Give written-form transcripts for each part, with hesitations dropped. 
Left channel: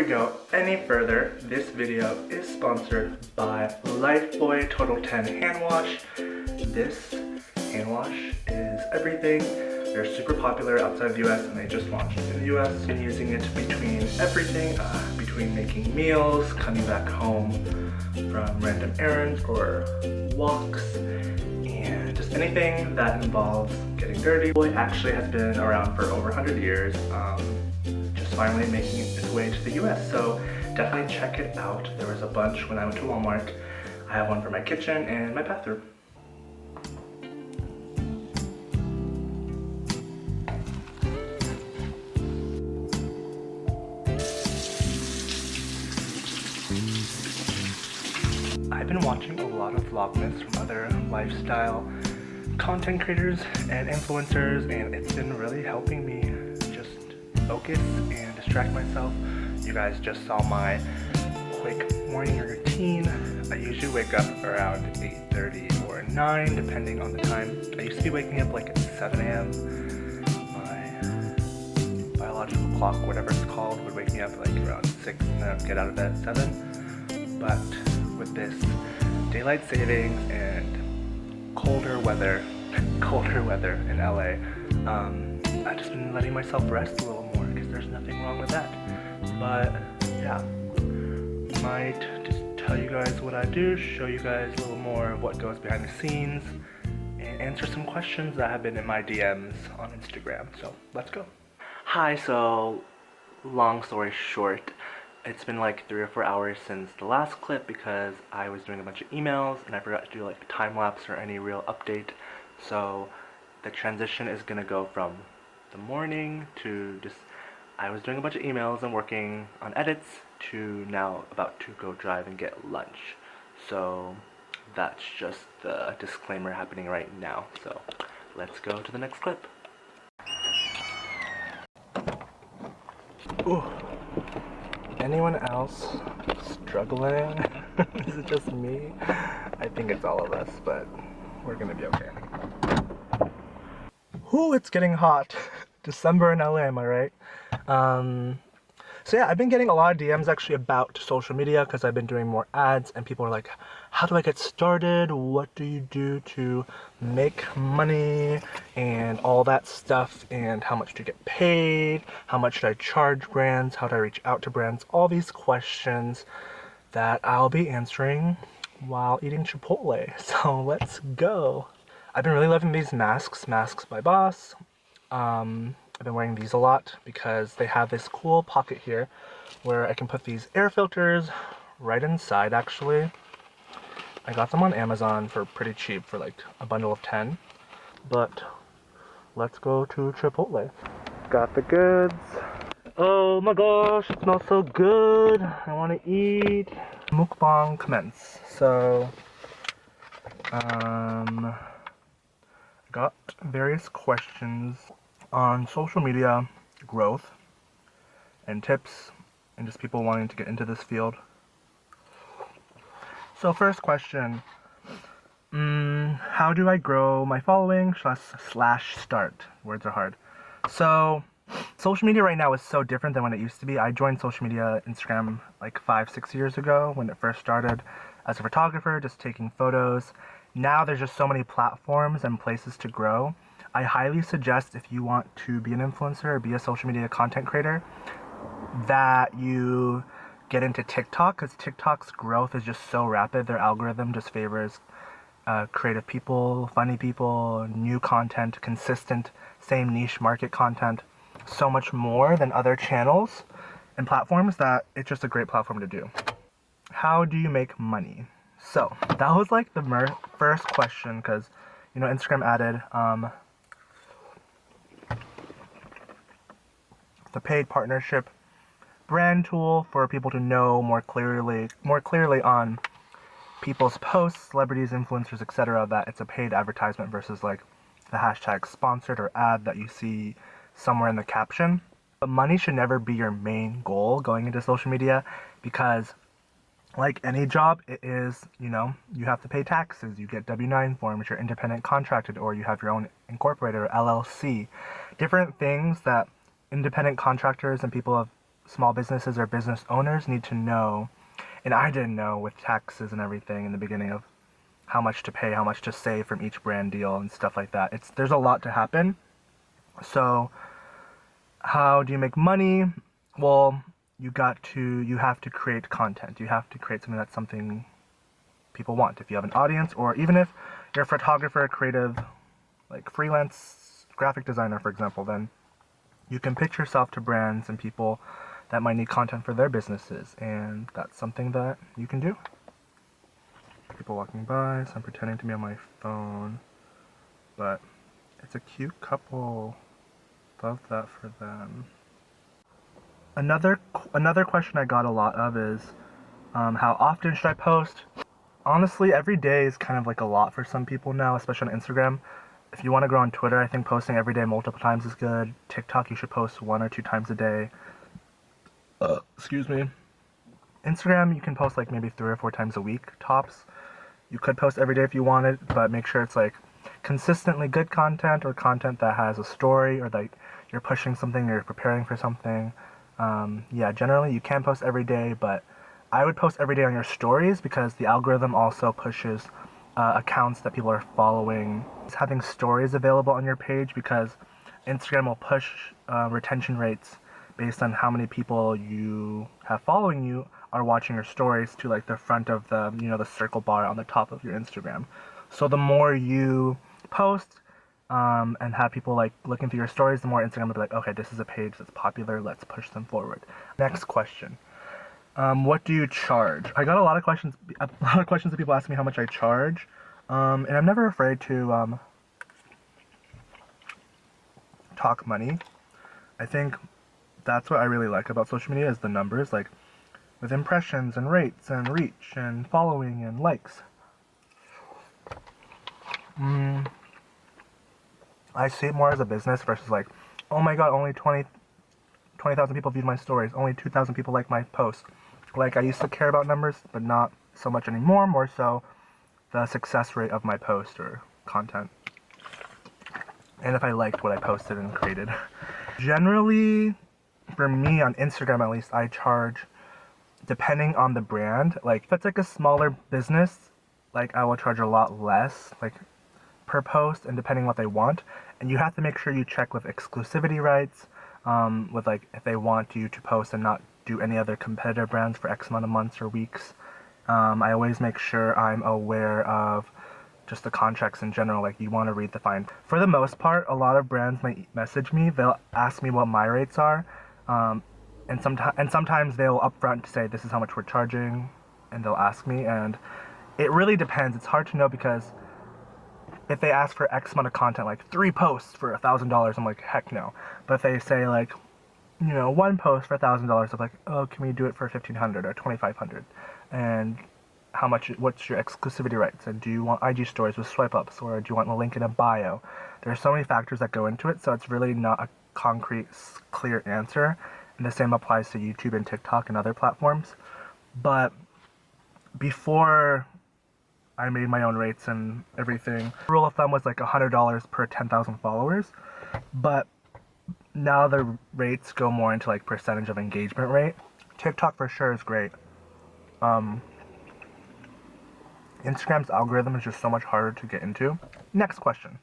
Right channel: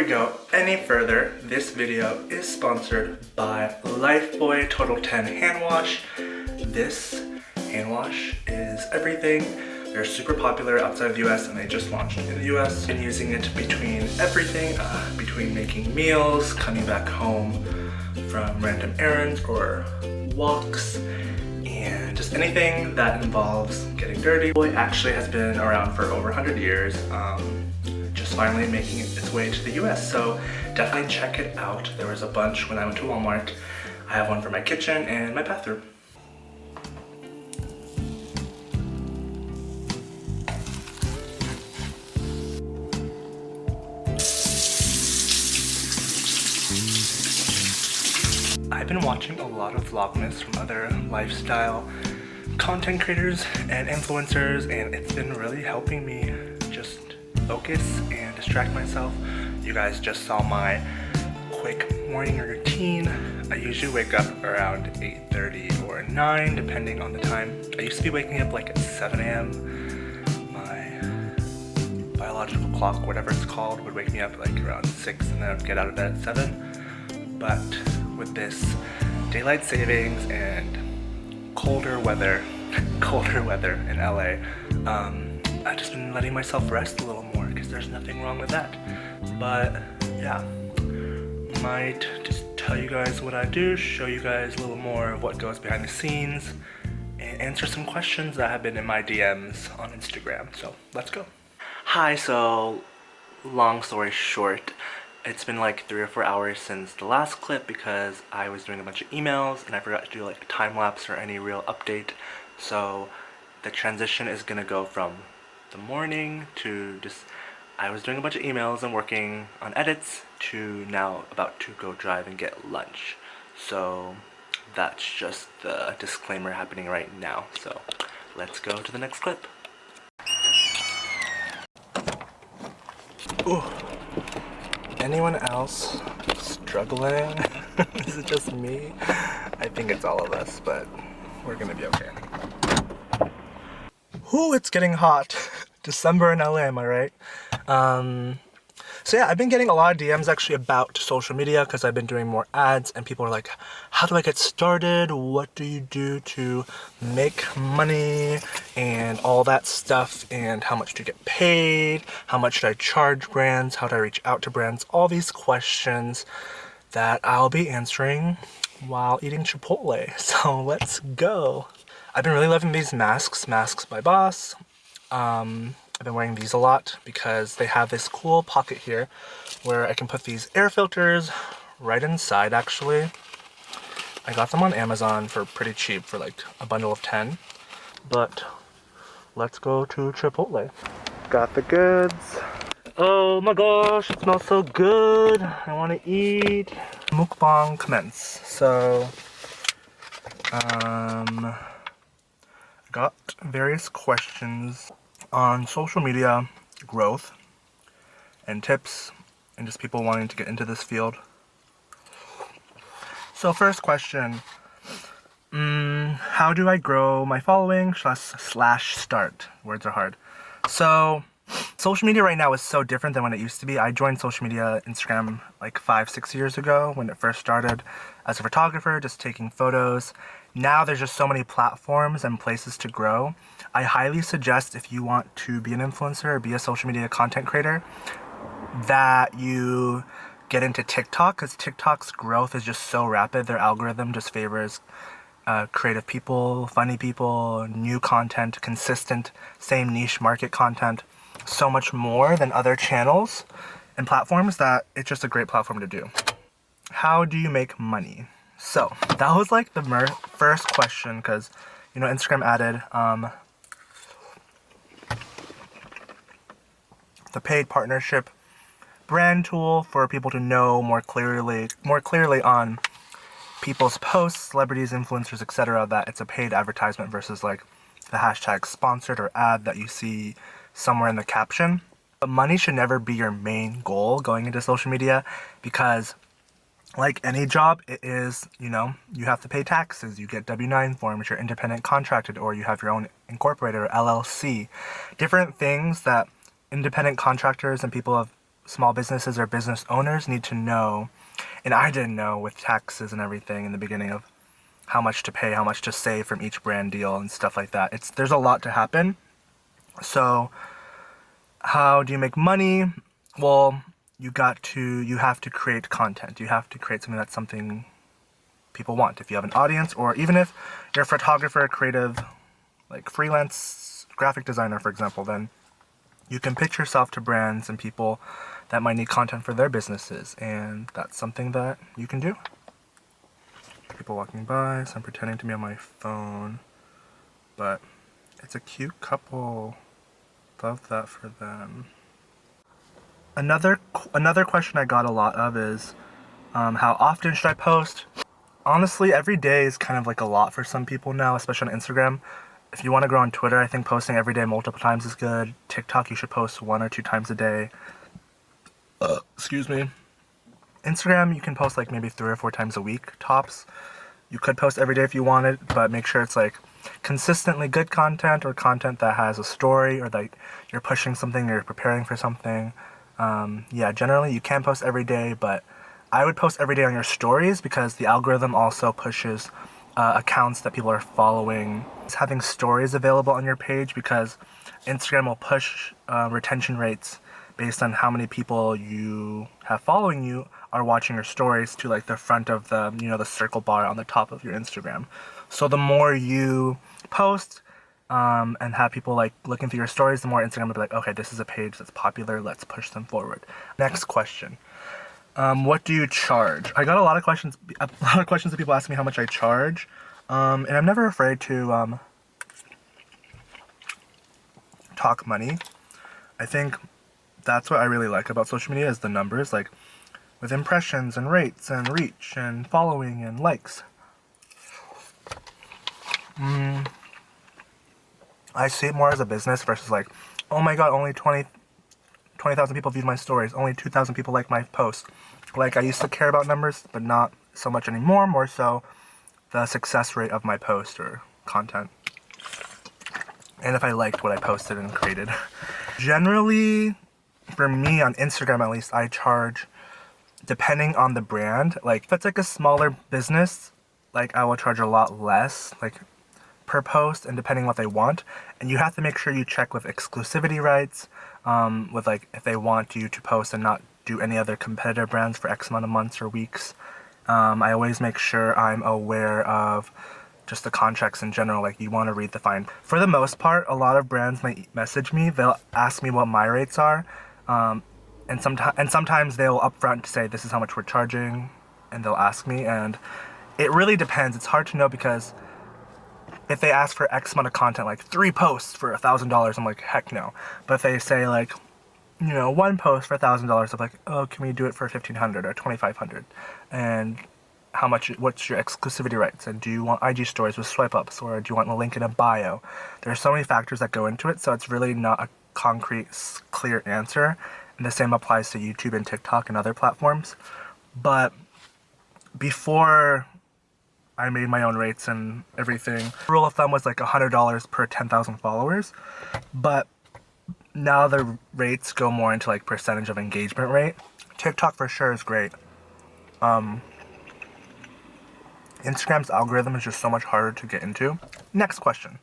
we go any further, this video is sponsored by Lifebuoy Total 10 Hand Wash. This hand wash is everything. They're super popular outside the US and they just launched in the US. I've been using it between everything, between making meals, coming back home from random errands or walks, and just anything that involves getting dirty. Boy actually has been around for over 100 years, just finally making its way to the US, so definitely check it out. There was a bunch when I went to Walmart. I have one for my kitchen and my bathroom. I've been watching a lot of vlogmas from other lifestyle content creators and influencers, and it's been really helping me just focus and distract myself. You guys just saw my quick morning routine. I usually wake up around 8:30 or 9 depending on the time. I used to be waking up like at 7 a.m. My biological clock, whatever it's called, would wake me up like around 6 and then I'd get out of bed at 7. But with this daylight savings and colder weather in LA, I've just been letting myself rest a little more because there's nothing wrong with that. But yeah, might just tell you guys what I do, show you guys a little more of what goes behind the scenes, and answer some questions that have been in my DMs on Instagram. So let's go. Hi, so long story short, it's been like 3 or 4 hours since the last clip because I was doing a bunch of emails and I forgot to do like a time lapse or any real update. So the transition is gonna go from the morning to just I was doing a bunch of emails and working on edits to now about to go drive and get lunch. So that's just the disclaimer happening right now. So let's go to the next clip. Ooh. Anyone else struggling? Is it just me? I think it's all of us, but we're gonna be okay. Ooh, it's getting hot. December in LA, am I right? So yeah, I've been getting a lot of DMs actually about social media because I've been doing more ads and people are like, how do I get started? What do you do to make money and all that stuff, and how much do you get paid? How much should I charge brands? How do I reach out to brands? All these questions that I'll be answering while eating Chipotle. So let's go. I've been really loving these masks by Boss. I've been wearing these a lot because they have this cool pocket here where I can put these air filters right inside. Actually, I got them on Amazon for pretty cheap, for like a bundle of 10. But let's go to Chipotle. Got the goods. Oh my gosh, it smells so good. I want to eat. Mukbang commence. So I got various questions on social media growth and tips and just people wanting to get into this field. So first question, how do I grow my following slash start? Words are hard. So social media right now is so different than when it used to be. I joined social media, Instagram, like 5-6 years ago when it first started as a photographer, just taking photos. Now there's just so many platforms and places to grow. I highly suggest, if you want to be an influencer or be a social media content creator, that you get into TikTok, because TikTok's growth is just so rapid. Their algorithm just favors creative people, funny people, new content, consistent, same niche market content, so much more than other channels and platforms that it's just a great platform to do. How do you make money? So that was like the first question, because you know Instagram added the paid partnership brand tool for people to know more clearly on people's posts, celebrities, influencers, etc., that it's a paid advertisement versus like the hashtag sponsored or ad that you see somewhere in the caption. But money should never be your main goal going into social media, because like any job, it is, you know, you have to pay taxes, you get W-9 forms, you're independent contracted, or you have your own incorporated or LLC. Different things that independent contractors and people of small businesses or business owners need to know, and I didn't know with taxes and everything in the beginning of how much to pay, how much to save from each brand deal and stuff like that. There's a lot to happen. So how do you make money? Well, you have to create content. You have to create something people want. If you have an audience, or even if you're a photographer, creative, like freelance graphic designer, for example, then you can pitch yourself to brands and people that might need content for their businesses, and that's something that you can do. People walking by, so I'm pretending to be on my phone, but it's a cute couple. Love that for them. Another question I got a lot of is, how often should I post? Honestly, every day is kind of like a lot for some people now, especially on Instagram. If you want to grow on Twitter, I think posting every day multiple times is good. TikTok, you should post 1 or 2 times a day. Excuse me. Instagram, you can post like maybe 3 or 4 times a week, tops. You could post every day if you wanted, but make sure it's like consistently good content, or content that has a story, or that you're pushing something, you're preparing for something. Yeah, generally you can post every day, but I would post every day on your stories, because the algorithm also pushes accounts that people are following. It's having stories available on your page, because Instagram will push retention rates based on how many people you have following you are watching your stories to like the front of the, the circle bar on the top of your Instagram. So the more you post and have people like looking through your stories, the more Instagram will be like, okay, this is a page that's popular, let's push them forward. Next question. What do you charge? I got a lot of questions that people ask me how much I charge. And I'm never afraid to talk money. I think that's what I really like about social media, is the numbers, like with impressions and rates and reach and following and likes. I see it more as a business versus like, oh my god, only 20,000 people viewed my stories, only 2,000 people liked my post. Like, I used to care about numbers, but not so much anymore, more so the success rate of my post or content. And if I liked what I posted and created. Generally, for me on Instagram at least, I charge depending on the brand. Like, if it's like a smaller business, like I will charge a lot less, like per post, and depending what they want. And you have to make sure you check with exclusivity rights, with like if they want you to post and not do any other competitor brands for X amount of months or weeks. I always make sure I'm aware of just the contracts in general, like you want to read the fine. For the most part, a lot of brands might message me, they'll ask me what my rates are, and sometimes they'll upfront say this is how much we're charging, and they'll ask me, and it really depends. It's hard to know, because if they ask for X amount of content, like 3 posts for $1,000, I'm like, heck no. But if they say like, 1 post for $1,000, I'm like, oh, can we do it for $1,500 or $2,500? And what's your exclusivity rights? And do you want IG stories with swipe ups, or do you want a link in a bio? There's so many factors that go into it, so it's really not a concrete, clear answer. And the same applies to YouTube and TikTok and other platforms. But before I made my own rates and everything, the rule of thumb was like $100 per 10,000 followers. But now the rates go more into like percentage of engagement rate. TikTok for sure is great. Instagram's algorithm is just so much harder to get into. Next question.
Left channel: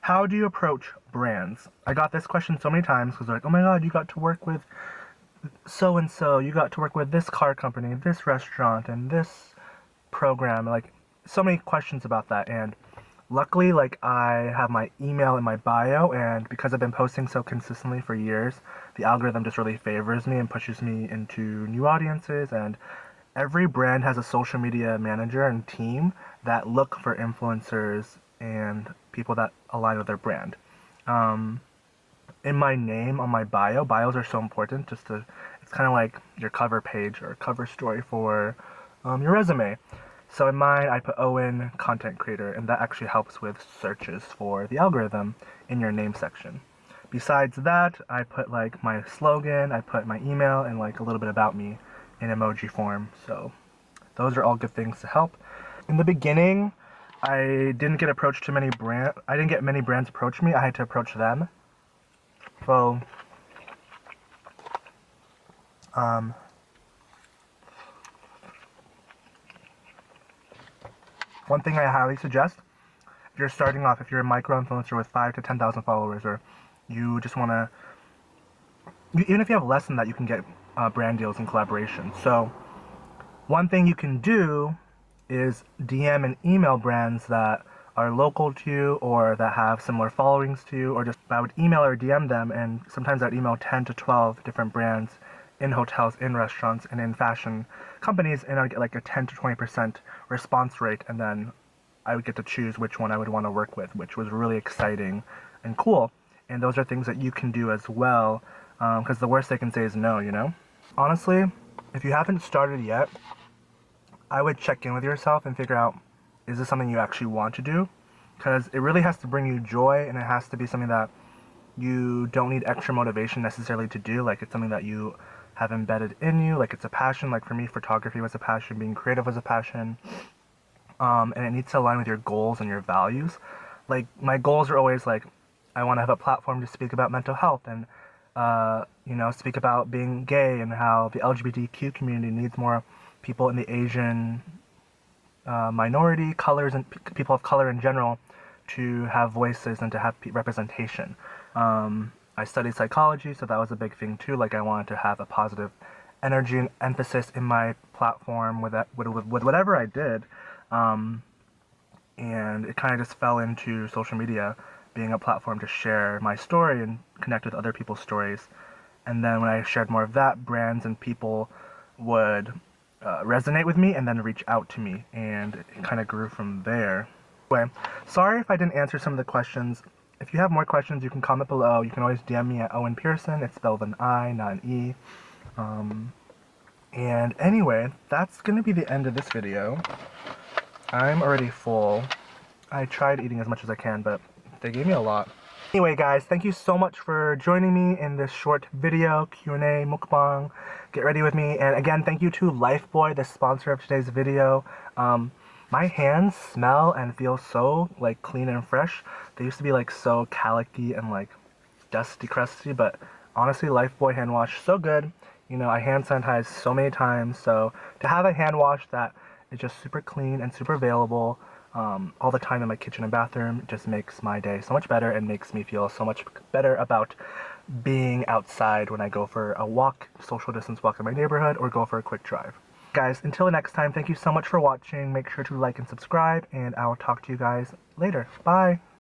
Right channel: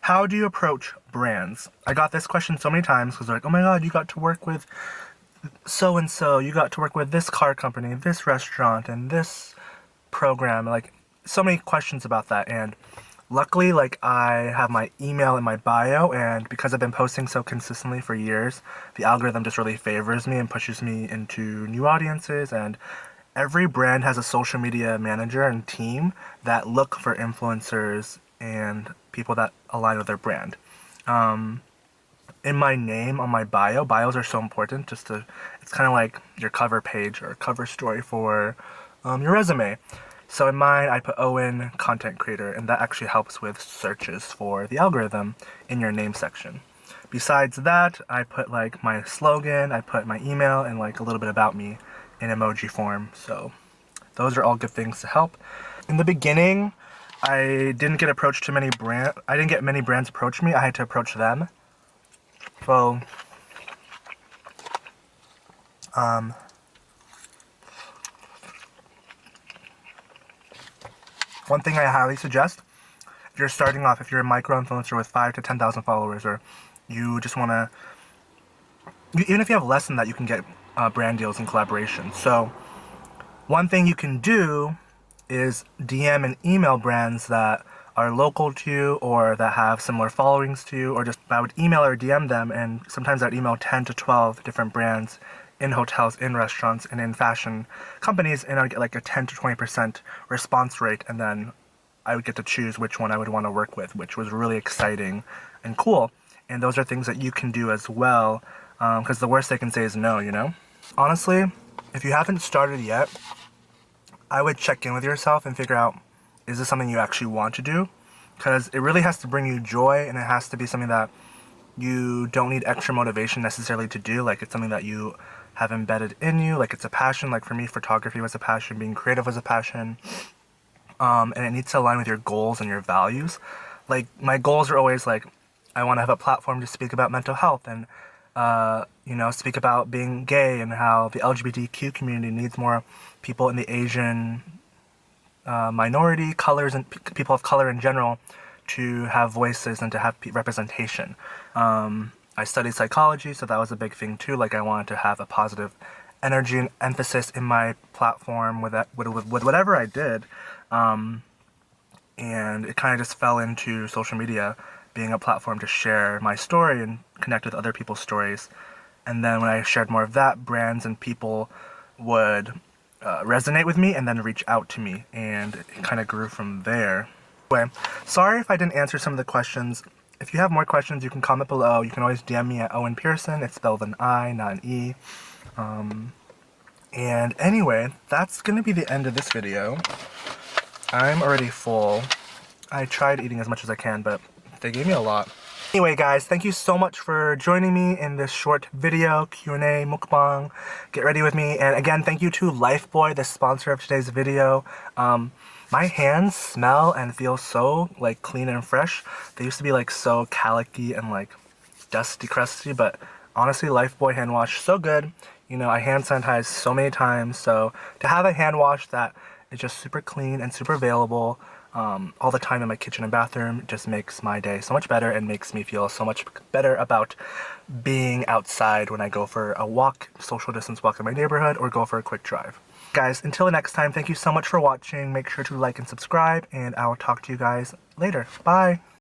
How do you approach brands? I got this question so many times, because they're like, oh my god, you got to work with so-and-so, you got to work with this car company, this restaurant, and this program. Like, so many questions about that. And luckily, like, I have my email in my bio, and because I've been posting so consistently for years, the algorithm just really favors me and pushes me into new audiences. And every brand has a social media manager and team that look for influencers and people that align with their brand. In my name, on my bios are so important. It's kind of like your cover page or cover story for your resume. So in mine, I put Owen, content creator, and that actually helps with searches for the algorithm in your name section. Besides that, I put like my slogan, I put my email, and like a little bit about me in emoji form. So those are all good things to help. In the beginning, I didn't get approached to I didn't get many brands approach me. I had to approach them. So One thing I highly suggest, if you're starting off, if you're a micro-influencer with 5 to 10,000 followers, or you just want to, even if you have less than that, you can get brand deals and collaborations. So one thing you can do is DM and email brands that are local to you or that have similar followings to you, or just I would email or DM them, and sometimes I'd email 10 to 12 different brands in hotels, in restaurants, and in fashion companies, and I'd get like a 10 to 20% response rate, and then I would get to choose which one I would want to work with, which was really exciting and cool. And those are things that you can do as well, because the worst they can say is no, you know? Honestly, if you haven't started yet, I would check in with yourself and figure out, is this something you actually want to do? Because it really has to bring you joy, and it has to be something that you don't need extra motivation necessarily to do. Like, it's something that you have embedded in you. Like, it's a passion. Like, for me, photography was a passion. Being creative was a passion. And it needs to align with your goals and your values. Like, my goals are always like, I want to have a platform to speak about mental health and, you know, speak about being gay and how the LGBTQ community needs more people in the Asian minority, colors, and people of color in general to have voices and to have representation. I studied psychology, so that was a big thing too. Like, I wanted to have a positive energy and emphasis in my platform with whatever I did. And it kind of just fell into social media being a platform to share my story and connect with other people's stories. And then when I shared more of that, brands and people would resonate with me and then reach out to me, and it kind of grew from there. Anyway, sorry if I didn't answer some of the questions. If you have more questions, you can comment below. You can always DM me at Owen Pearson. It's spelled with an I, not an E. And anyway, that's going to be the end of this video. I'm already full. I tried eating as much as I can, but they gave me a lot. Anyway, guys, thank you so much for joining me in this short video, Q&A, mukbang. Get ready with me. And again, thank you to Lifebuoy, the sponsor of today's video. My hands smell and feel so like clean and fresh. They used to be like so calicky and like dusty, crusty, but honestly, Lifebuoy hand wash, so good. You know, I hand sanitize so many times, so to have a hand wash that is just super clean and super available all the time in my kitchen and bathroom just makes my day so much better and makes me feel so much better about being outside when I go for a walk, social distance walk in my neighborhood, or go for a quick drive. Guys, until next time, thank you so much for watching. Make sure to like and subscribe, and I'll talk to you guys later. Bye!